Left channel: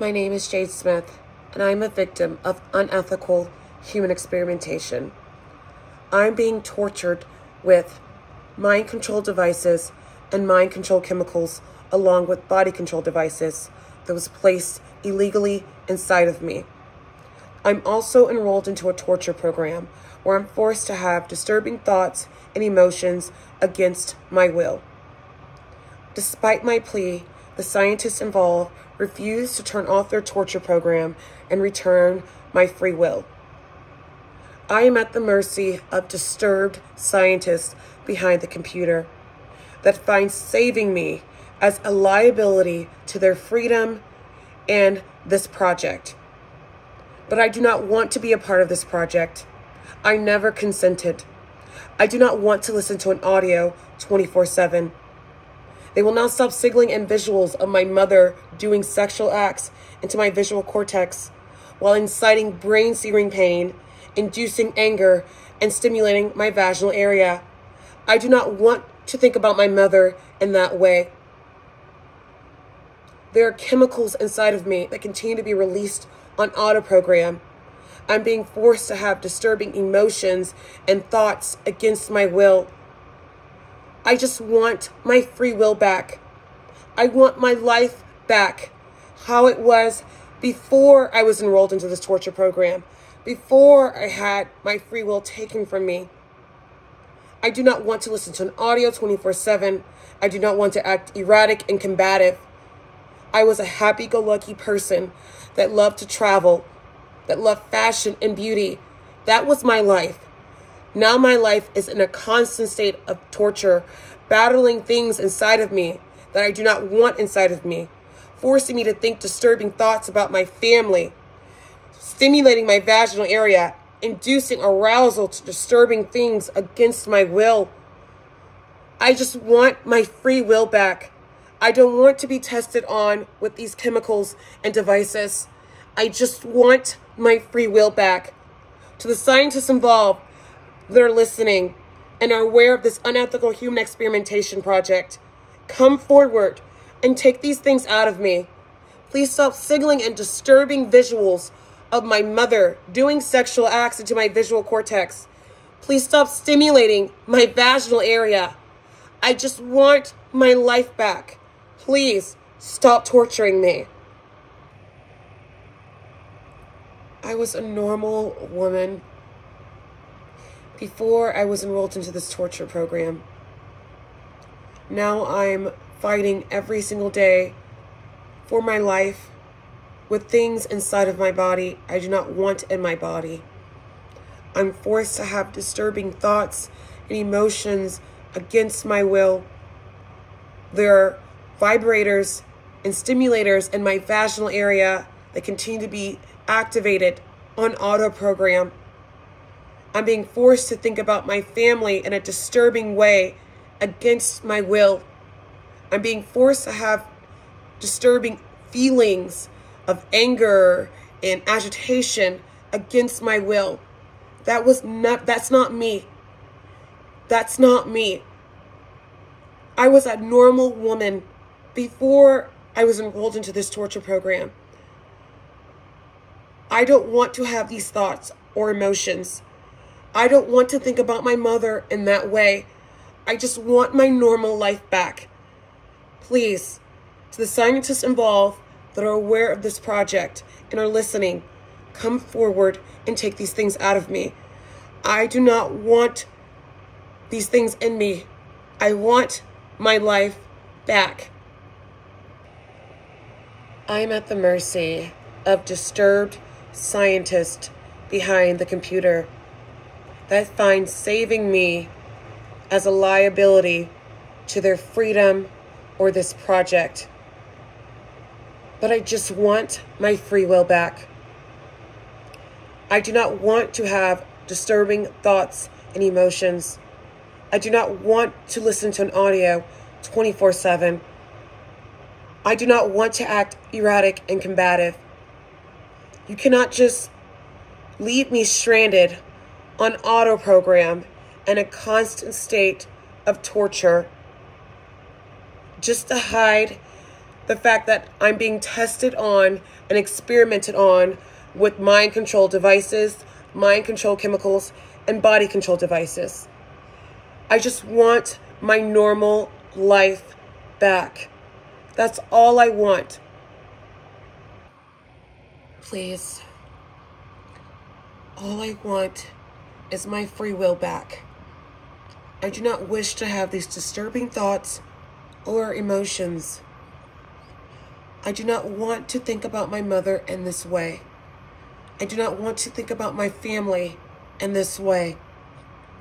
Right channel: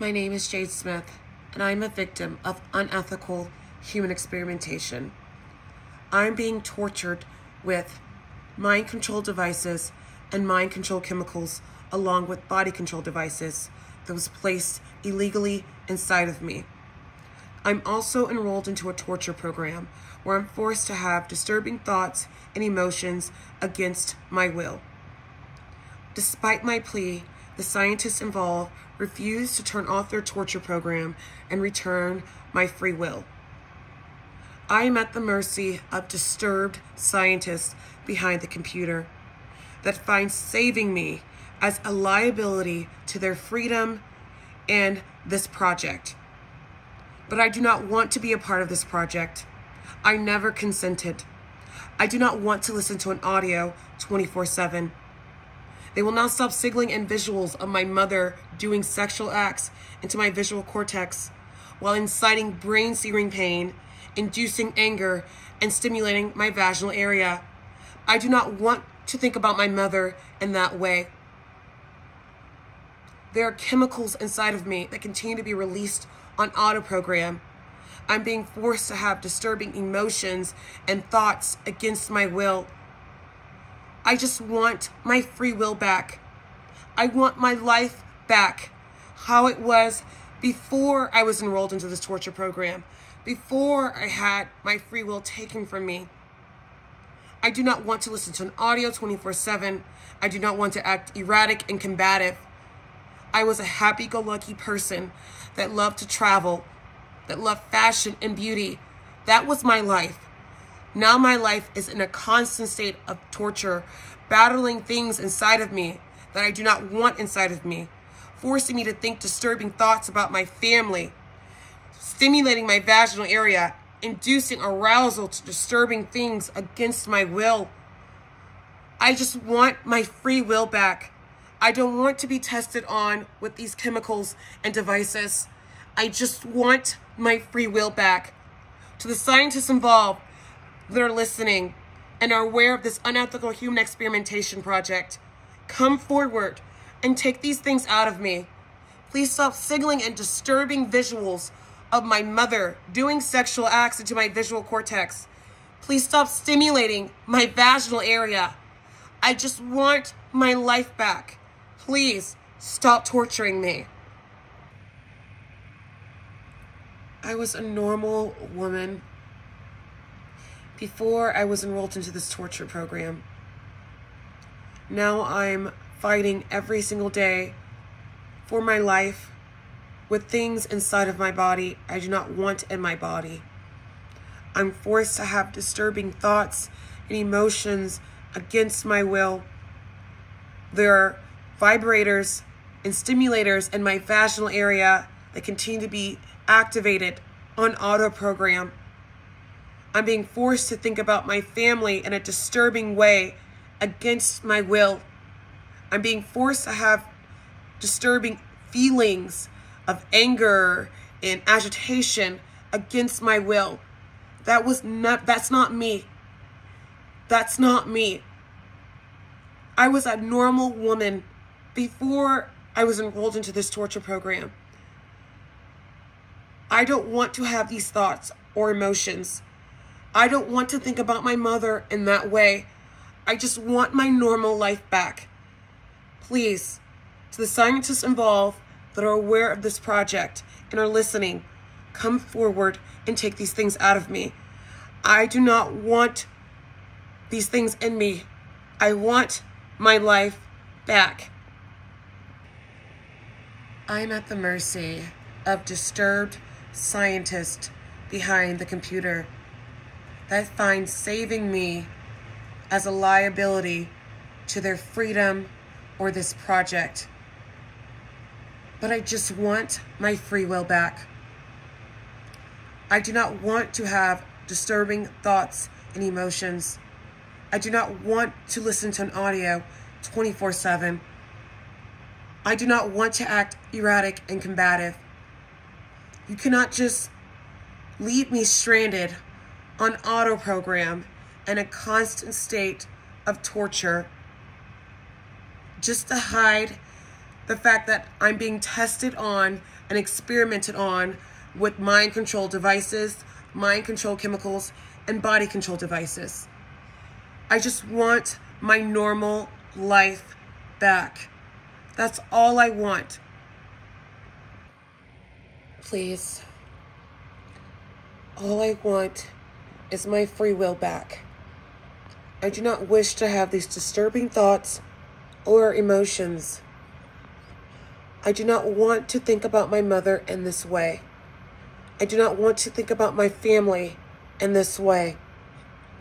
My name is Jade Smith, and I'm a victim of unethical human experimentation. I'm being tortured with mind control devices and mind control chemicals, along with body control devices that was placed illegally inside of me. I'm also enrolled into a torture program where I'm forced to have disturbing thoughts and emotions against my will. Despite my plea, the scientists involved refused to turn off their torture program and return my free will. I am at the mercy of disturbed scientists behind the computer that find saving me as a liability to their freedom and this project. But I do not want to be a part of this project. I never consented. I do not want to listen to an audio 24/7. They will not stop signaling in visuals of my mother doing sexual acts into my visual cortex while inciting brain-searing pain, inducing anger, and stimulating my vaginal area. I do not want to think about my mother in that way. There are chemicals inside of me that continue to be released on auto program. I'm being forced to have disturbing emotions and thoughts against my will. I just want my free will back. I want my life back, how it was before I was enrolled into this torture program, before I had my free will taken from me. I do not want to listen to an audio 24/7. I do not want to act erratic and combative. I was a happy-go-lucky person that loved to travel, that loved fashion and beauty. That was my life. Now my life is in a constant state of torture, battling things inside of me that I do not want inside of me, forcing me to think disturbing thoughts about my family, stimulating my vaginal area, inducing arousal to disturbing things against my will. I just want my free will back. I don't want to be tested on with these chemicals and devices. I just want my free will back. To the scientists involved that are listening and are aware of this unethical human experimentation project, come forward and take these things out of me. Please stop signaling and disturbing visuals of my mother doing sexual acts into my visual cortex. Please stop stimulating my vaginal area. I just want my life back. Please stop torturing me. I was a normal woman before I was enrolled into this torture program. Now I'm fighting every single day for my life with things inside of my body I do not want in my body. I'm forced to have disturbing thoughts and emotions against my will. There are vibrators and stimulators in my vaginal area that continue to be activated on auto program. I'm being forced to think about my family in a disturbing way against my will. I'm being forced to have disturbing feelings of anger and agitation against my will. That's not me. That's not me. I was a normal woman before I was enrolled into this torture program. I don't want to have these thoughts or emotions. I don't want to think about my mother in that way. I just want my normal life back. Please, to the scientists involved that are aware of this project and are listening, come forward and take these things out of me. I do not want these things in me. I want my life back. I'm at the mercy of disturbed scientists behind the computer that find saving me as a liability to their freedom or this project. But I just want my free will back. I do not want to have disturbing thoughts and emotions. I do not want to listen to an audio 24/7. I do not want to act erratic and combative. You cannot just leave me stranded on auto program in a constant state of torture just to hide the fact that I'm being tested on and experimented on with mind control devices, mind control chemicals, and body control devices. I just want my normal life back. That's all I want. Please. All I want is my free will back. I do not wish to have these disturbing thoughts or emotions. I do not want to think about my mother in this way. I do not want to think about my family in this way.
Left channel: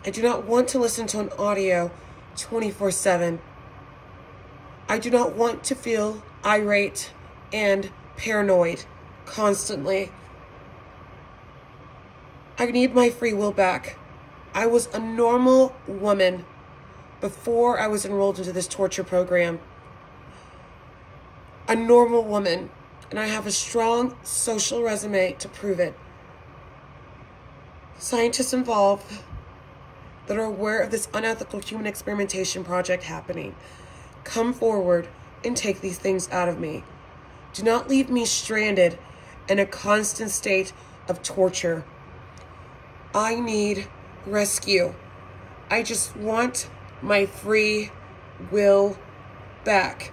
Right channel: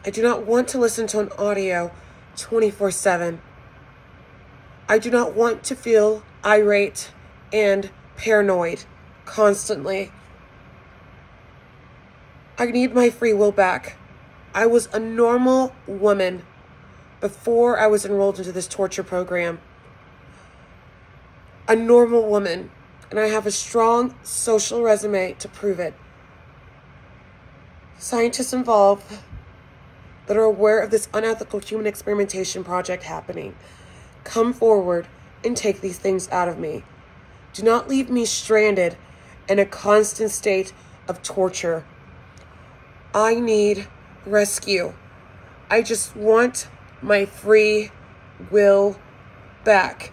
I do not want to listen to an audio 24/7. I do not want to feel irate and paranoid constantly. I need my free will back. I was a normal woman before I was enrolled into this torture program. A normal woman, and I have a strong social resume to prove it. Scientists involved that are aware of this unethical human experimentation project happening, come forward and take these things out of me. Do not leave me stranded in a constant state of torture. I need rescue. I just want my free will back.